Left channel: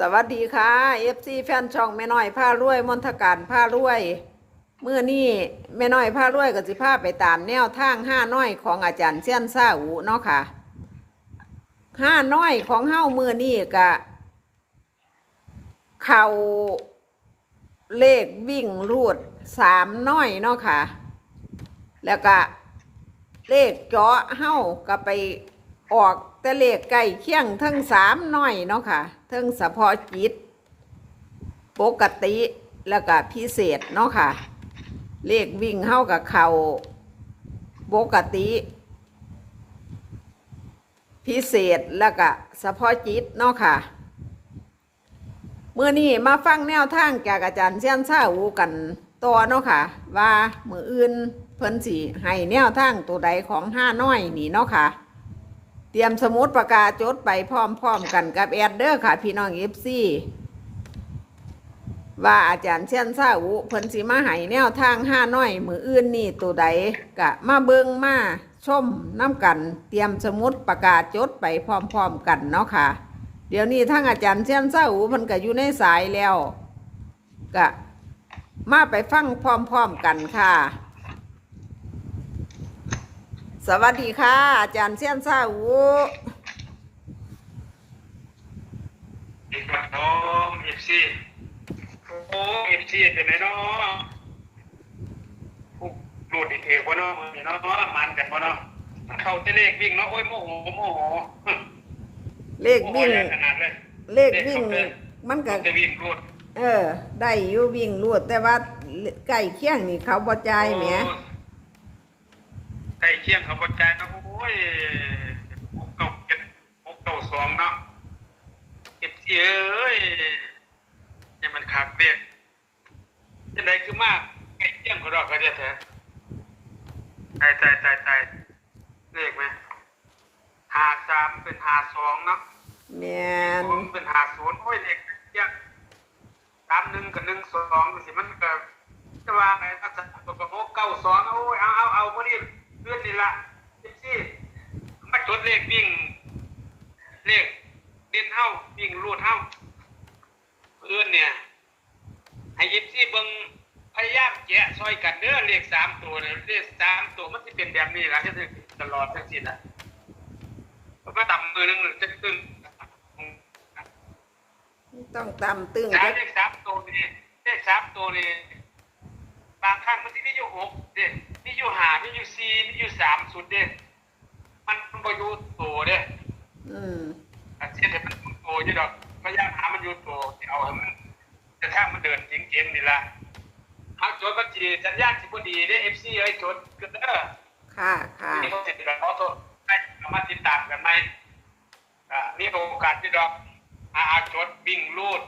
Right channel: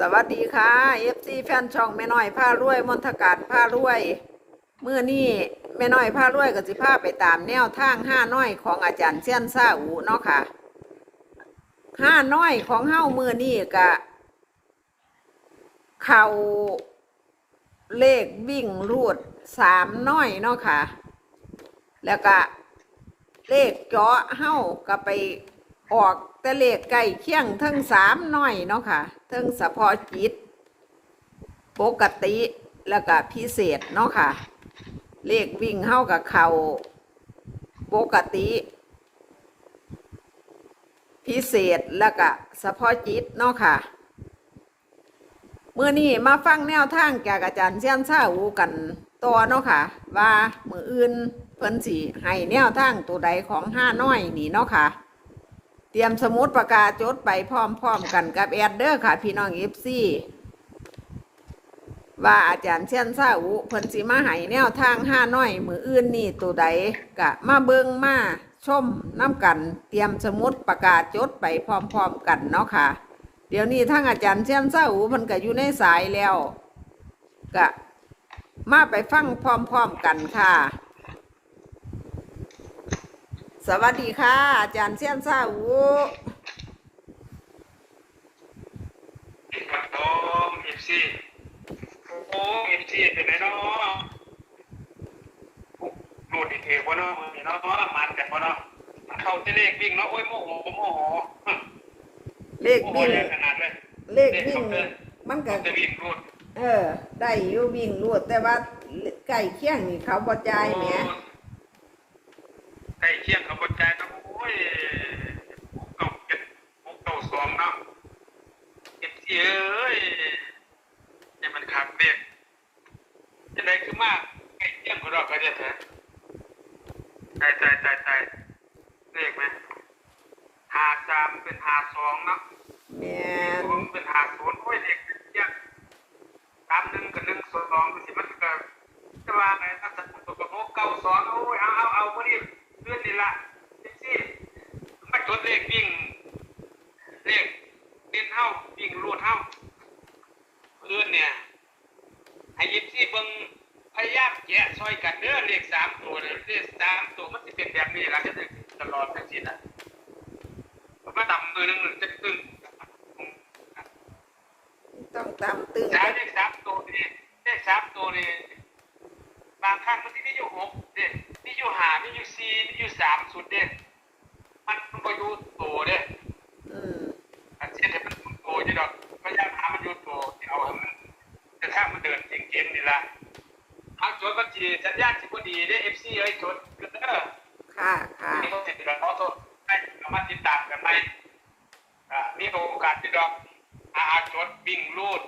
สวัสดีค่ะ FC แฟนช่องแม่น้อยผ้ารวยมนทการผ้ารวยเมื่อนี้แม่น้อยผ้ารวยก็สิพาไปตามแนวทางห้าน้อยของอาจารย์เซียนซาอูเนาะค่ะห้าน้อยของเฮ้าเมื่อนี้กะเข่าเลขวิ่งรูดสามน้อยเนาะค่ะ แล้วก็เลขเจาะเฮ้าก็ไป ออกแต่เลขใกล้เคียงทั้งสามน้อยเนาะค่ะทั้งเฉพาะจิต ปกติแล้วก็พิเศษเนาะค่ะ เลขวิ่งเฮ้ากับเขาปกติ พิเศษแล้วก็เฉพาะจิตเนาะค่ะมื่อนี้มาฟังแนวทางจากอาจารย์เซียนซาอูกันต่อเนาะค่ะ ว่ามืออื่นเพิ่นสิให้แนวทางตัวใดของห้าน้อยนี่เนาะค่ะ ตรียมสมุดปากกาจดไปพร้อมๆกันกับแอดเดอร์ค่ะ พี่น้องเอฟซีว่าอาจารย์เซียนซาอูเพิ่นสิมาให้แนวทางห้าน้อย มืออื่นนี่ตัวใดกะมาเบิงมาชมน้ำกัน เตรียมสมุดปากกาจดไปพร้อมๆกันเนาะค่ะ เดี๋ยวนี้ทั้งอาจารย์เชียนเศร้าอูเพิ่นก็อยู่ในสายแล้วก็มาไปฟังพร้อมๆกันค่ะ สวัสดีค่ะ อาจารย์เชียนเศร้าอูครับผมเอฟซีโอ้เอฟซีเป็นไงเนาะรูดอีกเทวะเนาะมือเนาะมันแต่พอเนาะเข้าเตเลขวิ่งเนาะโอ้ยโมโหโมโหเลขโมโหวิ่งใหญ่ขนาดเลยเลขวิ่งมันก็จะวิ่งรูดเออ ได้อยู่วิ่งรวดแต่ว่าใกล้เคียงนี่เขาบ่จ่ายแหมใก ล้เคียงกับบทใจเนาะโอ้ยหกเก้าเจ็ดหกเก้าสองเนาะเอฟซีเอ้ยยังมันขาดเรียกจะไหนคือมากใกล้เคียงกับเราก็ได้แท้ตายตายตายตายเลขไหมหาสามเป็นหาสองเนาะแม่นผมเป็นหาศูนย์โอ้ยเลขเยอะสามหนึ่งกับหนึ่งสองสิมันก็จะว่าไงถ้าจะตัวกับหกเก้าสองโอ้ยเอาเอาเอาพอดี เลื่อนนี่ละเจ็ดสิมาจดเลขวิ่ง เลขเด่นเท่าวิ่งรูดเท่าเลื่อนเนี่ยให้ยิบซี่เบิ่งพยายามแกะซอยกันเด้อเลขสามตัวเนี่ยเลขสามตัวมันจะเป็นแบบนี้ละจะถึงตลอดทั้งสิ้นอะมันก็ต่ำมือหนึ่งจะตึงต้องตามตึงจ้าเลขสามตัวนี่เลขสามตัวนี่บางครั้งมันที่มีอยู่หกเด็มี อยู่ห้ามีอยู่สี่มีอยู่สามสุดเด็มันมันก็อยู่ตัวเด้อืมอันเช่นมันโตอยู่ดอกพยายามหามันอยู่ตัวเอาให้มันจะถ้ามันเดินจริงๆนี่ละเอาจดบัญชีสัญญาณสิบดีได้เอฟซีไอ้จดก็เด้อค่ะค่ะนี่เขาเสร็จแล้วเขาโทษให้เรามาติดตามกันไหมอ่านี่โอกาสที่ดอกอาอาจดวิ่งรูด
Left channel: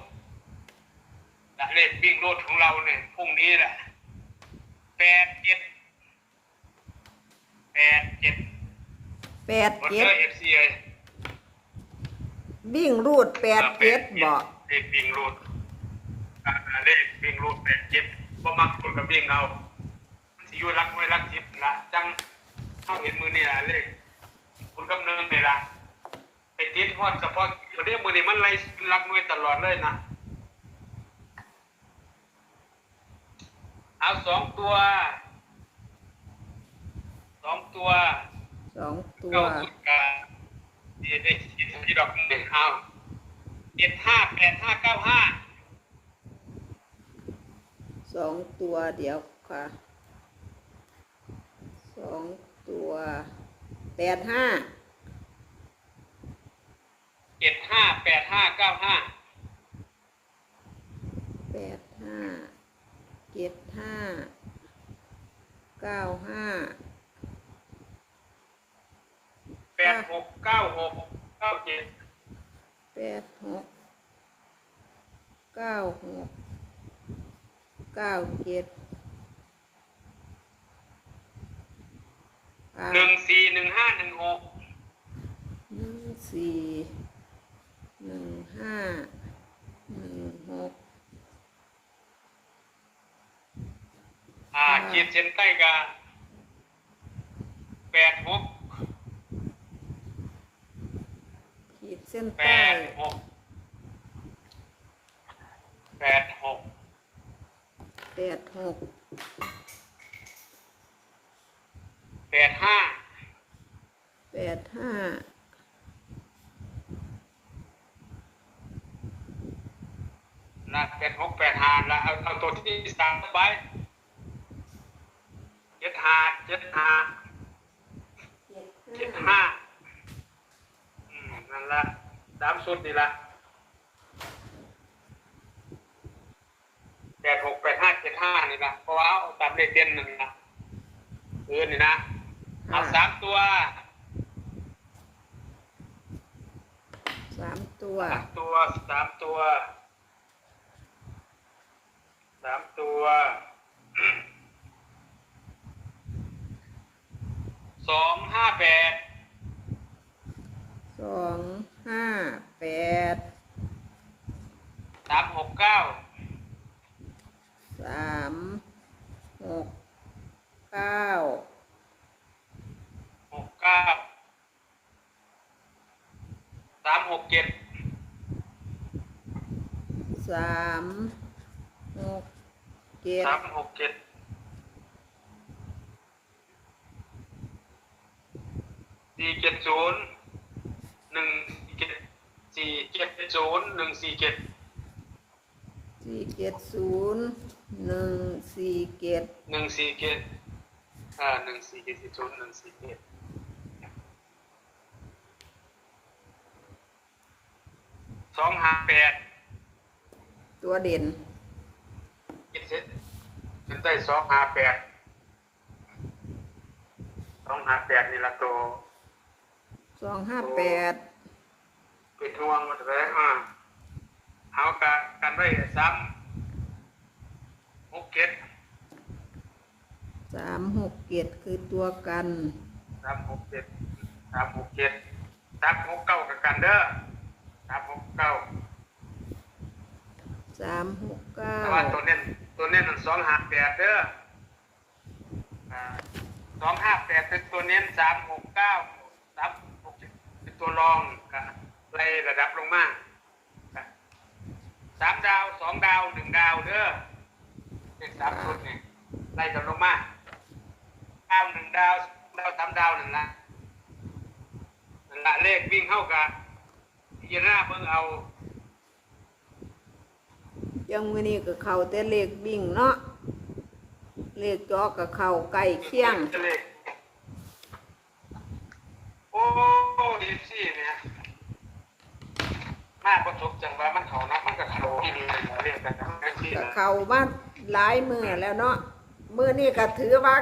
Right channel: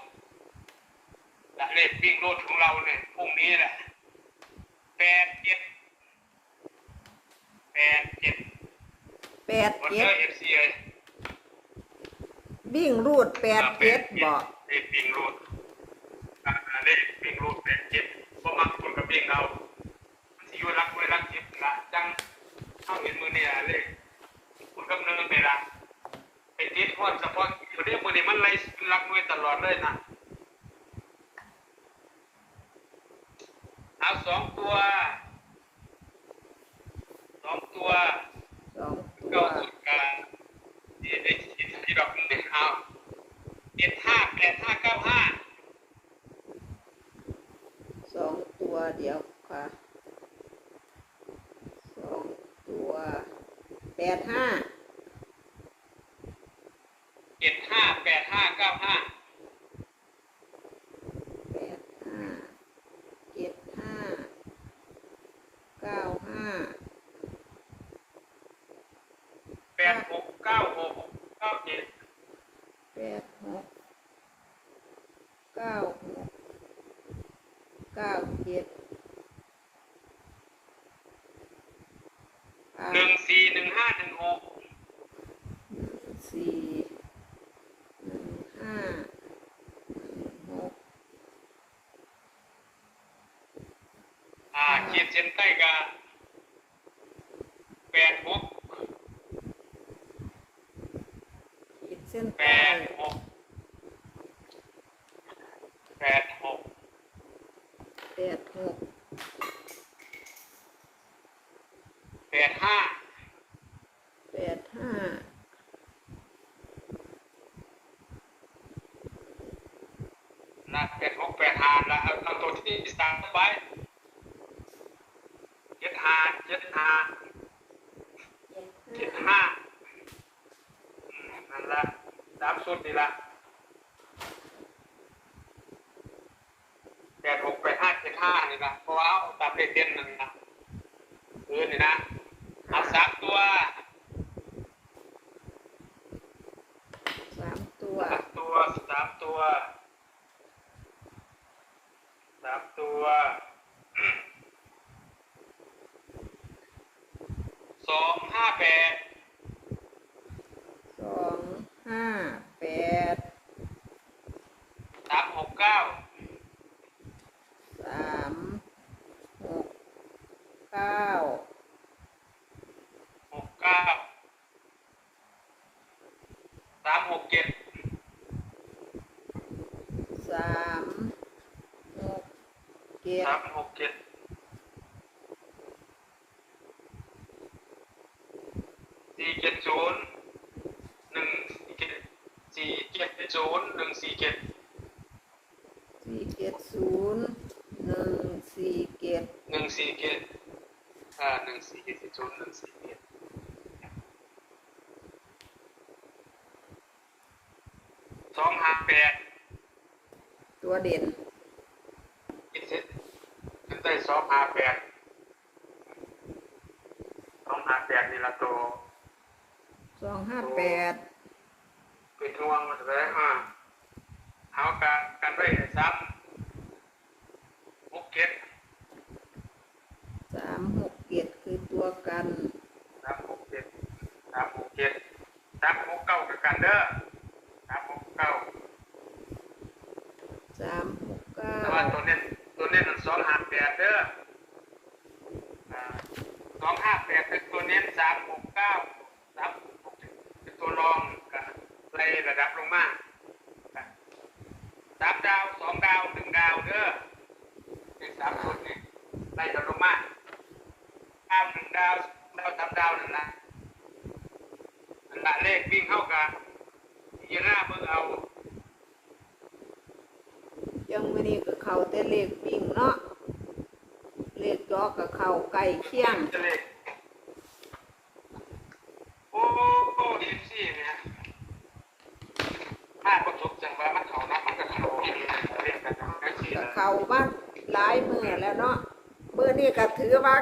และเลขวิ่งรูดของเราเนี่ยพรุ่งนี้แหละแปดเจ็ดแปดเจ็ด แปดวันเจ็เดดอร์เอฟซีเลยวิ่งรูดแปดเจ็ดบ่เลขวิ่งรูดอ่าเลขวิ่งรูดแปดเจ็ดเพราะมักคนกับวิ่งเอาสิอยู่รักไว้รักจิตละจังเข้าเห็นมือนี่ละเลขคุณกำเนิดเลยละไอ้จิตพอดเฉพาะอยู่เนี่ยมือนี่มันไล่รักมือตลอดเลยนะเอาสองตัวสองตัว สองตัวเก้าสุดกันที่ได้ที่ที่ดอกหนึ่งเอาเจ็ดห้าแปดห้าเก้าห้าสองตัวเดี๋ยวค่ะสองตัวแปดห้าเจ็ดห้าแปดห้า ห้าหนึ่งหกหนึ่งสี่หนึ่งห้าหนึ่งหกอ่าขีดเส้นใต้กันแปดหกขีดเส้นใต้ดหกแปดหกแปดหกแปดห้า ดห้านะแปดหกแปดห้าแล้วเอาเอาตัวที่สามไปเจ็ดห้าเจ็ดห้าเจ็ดห้าอืมนั่นละสามสุดนี่ละแปดหกแปดห้าเจ็ดห้านี่ละเพราะว่าตามเลขเด่นนั่นนะเออนี่นะเอาสามตัว สาม ตัวสามตัวสามตัวสามตัวสองห้าแปดสองห้าแปด สามหกเก้า สามหกเก้า หกเก้าสามหกเจ็ด สามหกเจ็ด สามหกเจ็ดสี่เจ็ดศูนย์หนึ่งเจ็ดสี่เจ็ดศูนย์หนึ่งสี่เจ็ดสี่เจ็ดศูนย์หนึ่งสี่เจ็ดหนึ่งสี่เจ็ดอ่าหนึ่งสี่เจ็ดศูนย์หนึ่งสี่เจ็ดสองห้าแปดตัวเด่นเจ็ดเจ็ดขึ้น ได้สองห้าแปดสองห้าแปดนี่ละตัวสองห้าแปดเป็นห่วงเลยอ่าเอากันกันไว้ซ้ำหกเก็ดสามหกเจ็ดคือตัวกันสามหกเจ็ดสามหกเจ็ดสามหกเก้ากับกันเด้อสามหกเก้า สามหกเก้า แต่ว่าตัวเน้นตัวเน้นสองห้าแปดเด้อสองห้าแปดเป็นตัวเน้นสามหกเก้าสามหกเจ็ดเป็นตัวรองอ่าไล่ระดับลงมาสามดาวสองดาวหนึ่งดาวเด้อเป็นสามชุดนี่ไล่ระดับลงมาดาวหนึ่งดาวดาวทำดาวหนึ่งนะมันละเลขวิ่งเข้ากันยีน่าเบิ่งเอายังไม่นี่กับเขาแต่เลขวิ่งเนาะเลขจอกับเขาใกล้เคียงจะเลขโอ้โอ้ดีสิเนี่ยถ้าประสบจังว่ามันเขานะมันก็เขาที่ดีเล่นกันนะไอ้ที่กับนะเขาบ้านหลายมือแล้วเนาะมือนี่ก็ถือว่า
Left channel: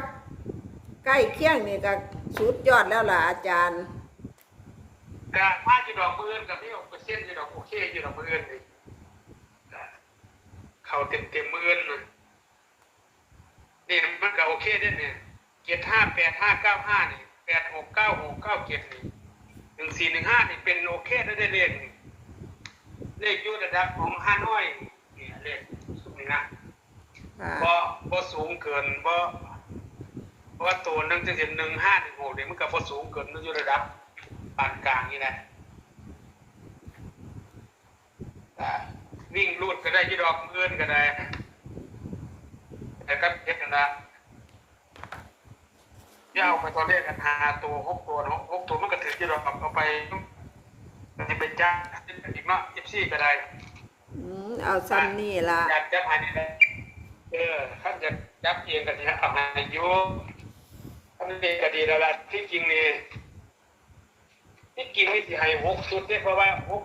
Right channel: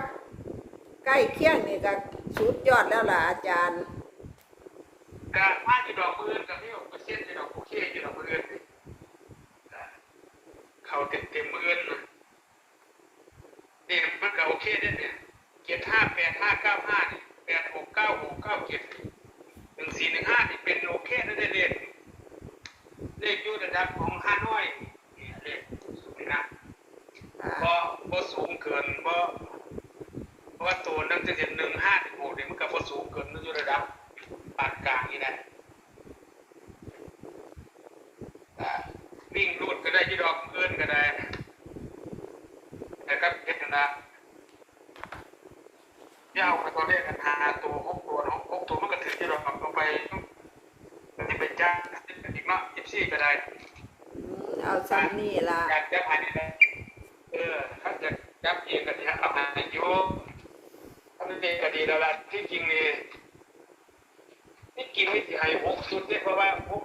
ใกล้เคียงนี่ก็สุดยอดแล้วล่ะอาจารย์แต่ถ้าที่ดอกมือกับที่ดอกเปอร์เซ็นต์ที่ดอกโอเคที่ดอกมือนี่เขาเต็มเต็มมือนะนี่มันก็โอเคได้เนี่ยเจ็ดห้าแปดห้าเก้าห้านี่แปดหกเก้าหกเก้าเจ็ดนี่หนึ่งสี่หนึ่งห้านี่เป็นโอเคได้เลขเลขอยู่ระดับของห้าน้อยนี่เลขสูงนะ ค่ะ เพราะเพราะสูงเกินเพราะเพราะว่าตัวนั่งจะเห็นหนึ่งห้าถึงหกเนี่ยมันก็พอสูงเกินมันอยู่ระดับปานกลางนี่นะอ่าวิ่งรูดก็ได้ยี่ดอกเกินก็ได้แต่ก็เด็กนะที่เอาไปตัวเลขกันหาตัวหกตัวเนาะหกตัวมันก็ถึงที่เราเอาไปมันจะเป็นจ้าอีกเนาะเอฟ ซีก็ได้อืมเอาซ้ำนี่ล่ะอยากจะหานี่แหละเออถ้าจะจับเองก็จะเอาหาอยู่ถ้ามันเป็นก็ดีแล้วล่ะที่จริงนี่ที่จริงไม่สิให้หกสุดเนี่ยเพราะว่าหก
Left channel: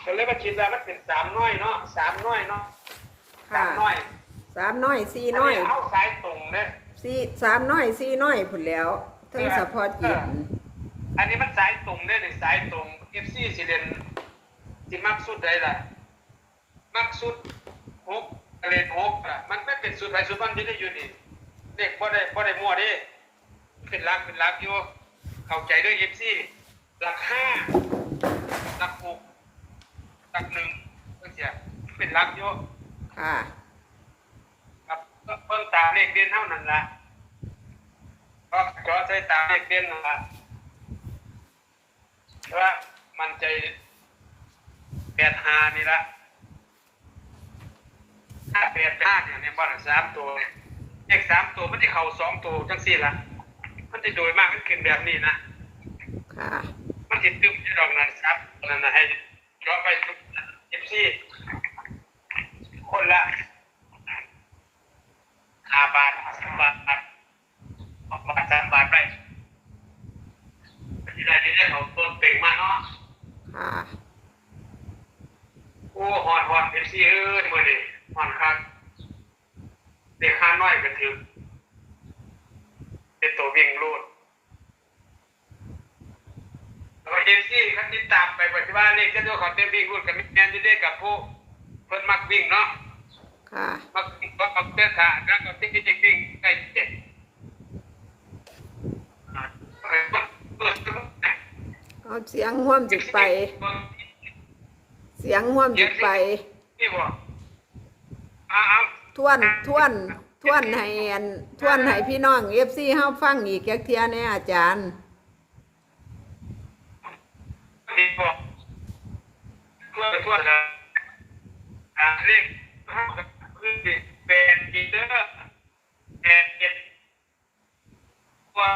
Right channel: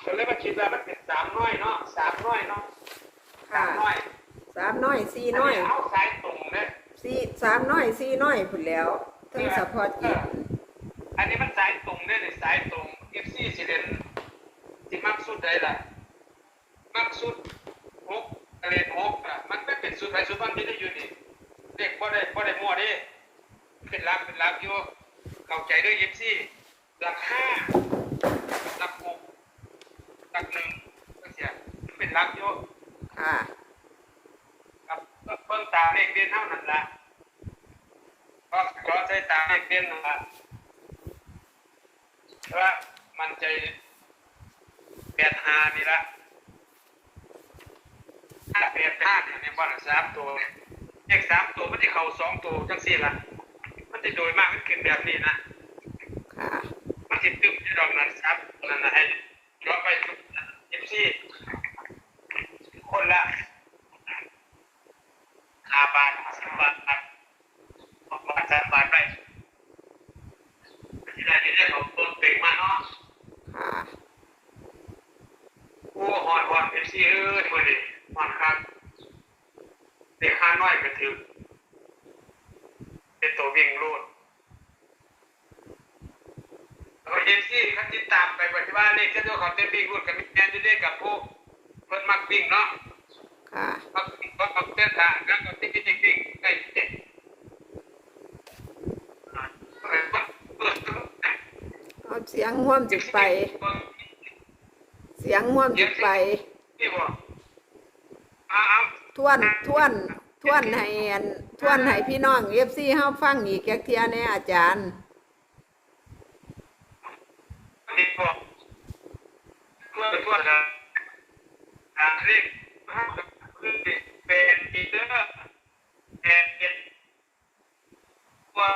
เขาเลยมาคิดว่ามันเป็นสามน้อยเนาะสามน้อยเนาะสาค่ะมน้อยสามน้อยสี่น้อยเอาสายตรงเนี่ยสี่สามน้อยสี่น้อยผุนแล้วทั้งสะพอจิตอันนี้มันสายตรงเนี่ยเนี่ยสายตรงเอฟซีสิเดน สิมักสุดได้ล่ะมักสุดหกเลนหกอะมันไม่เป็นสุดไอสุดมันจะได้อยู่ดิเด็กพอได้พอได้มั่วดิเป็นรักเป็นรักอยู่เข้าใจด้วยเอฟซีหลักห้าหลักหกหลักหนึ่งก็เสียเป็นรักอยู่ค่ะครับก็เพิ่มตามเลขเด่นเท่านั้นละก็ก็ใช้ตามเลขเด่นนั่นละเพราะว่ามันใจ แปดหานี่ละถ้าแปดห้าเนี่ยในบอลสามตัวเนี่ยเลขสามตัวมันจะเข่าสองตัวจังสี่ละมันจะโดยมากมันเกิดแบบนี้นะค่ะมันติดตึ้มที่ดอกนั้นครับนั่นนะให้ย้อนไปทุกเอ็นซี่คนละห้าบาทสามบาทบาทบาทสามบาทไปที่ได้ที่ได้ของต้นเป่งมาเนาะ ค่ะ โอ้หอนหอนเอ็น ซี่เอ้ยมือนี่หอนครับเด็กห้าน้อยก็ถือเป็นตัววิ่งรูดแล้วก็เอฟซีขั้นติดตามไปปฏิบัติเลขเจ้าตัวของเต็มวิ่งรูดกับมิแมนที่ได้กับผู้เพิ่นมักวิ่งเนาะค่ะมักวิ่งก็มักเต้นทางกันกับที่ที่วิ่งใกล้เจ็ดอ่าเปิดเปิดเปิดเอาเสียงห่วมจิกไป เสียงห่วมจิกไป นี่บ่อ้าวทวนทวนทวนให้อันทวนให้พี่น้องเอฟซีเฮาฟังอีกแก๊กเทียแน่อาจารย์นี่บ่ทั่วทั่วนะอ่าเลขห้าคือเป็นปีเตอร์แอนเจ็ดว่า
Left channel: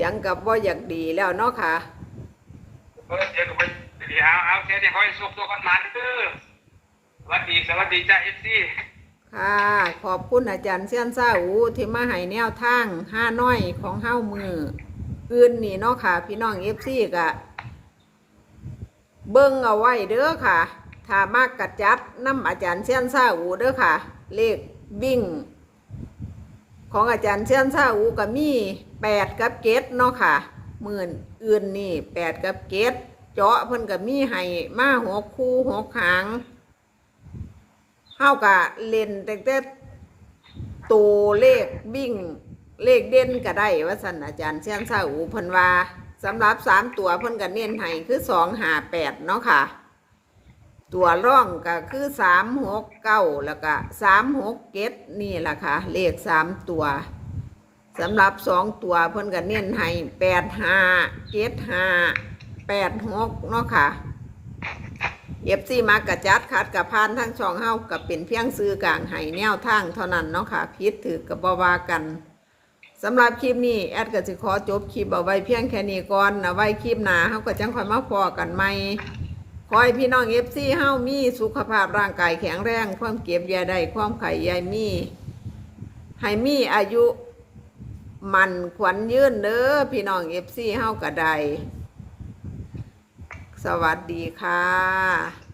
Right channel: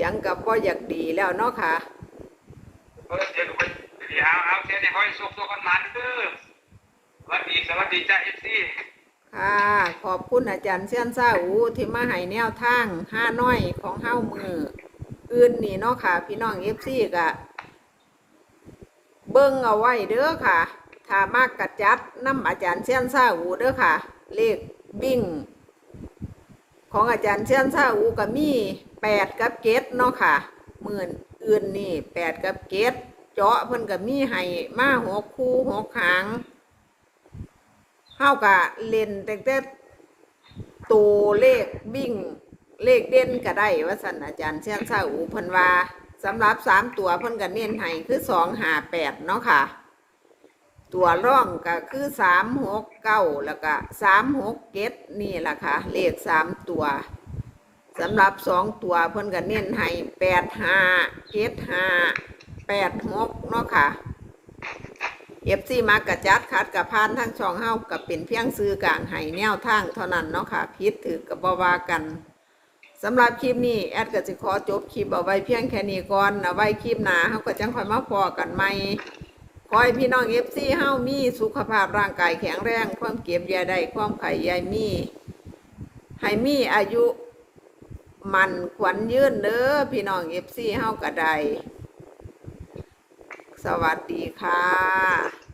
สียงกับว่าอยากดีแล้วเนาะค่ะ เออเดี๋ยวไปเดี๋ยวเอาเอาเสียเนี่ยคอยสุกตัวกันมาเด้อสวัสดีสวัสดีจ้าเอฟซีค่ะ ขอบคุณอาจารย์เซียนซาอูที่มาให้แนวทางห้าน้อยของเฮ้ามืออื่นนี่เนาะค่ะ พี่น้องเอฟซีกะ เบิ้งเอาไว้เด้อค่ะถ้ามากกัดจัดน้ำอาจารย์เซียนซาอูเด้อค่ะ เลขบิ่ง ของอาจารย์เซียนซาอูก็มีแปดกับเกตเนาะค่ะหมื่นอื่นนี่แปดกับเกตเจาะเพิ่นก็มีให้มาหกคู่หกหางเฮากะเล่นแต่แต่ตัวเลขวิ่งเลขเด่นก็ได้ว่าสันอาจารย์เชียนซาอูเพิ่นว่าสำหรับสามตัวเพิ่นก็เน้นให้คือสองหาแปดเนาะค่ะ ตัวร่องก็คือสามหกเก้าแล้วก็สามหกเกตนี่แหละค่ะ เลขสามตัวสำหรับสองตัวเพิ่นก็เน้นให้แปดห้าเกตห้าแปดหกเนาะค่ะเอฟซีมากระจัดคัดกับพานทั้งช่องเฮากับเป็นเพียงซื้อกลางให้แนวทางเท่านั้นเนาะค่ะพิษถือกับบวากันสำหรับคลิปนี้แอดก็จะขอจบคลิปเอาไว้เพียงแค่นี้ก่อนเอาไว้คลิปหน้าเฮาก็จังค่อยมาพอกันใหม่ ขอให้พี่น้องเอฟซีเฮามีสุขภาพร่างกายแข็งแรง ความเก็บยาได้ความไข่ยายมีให้มีอายุมันขวัญยืนเด้อพี่น้องเอฟซีเฮากระไดสวัสดีค่ะ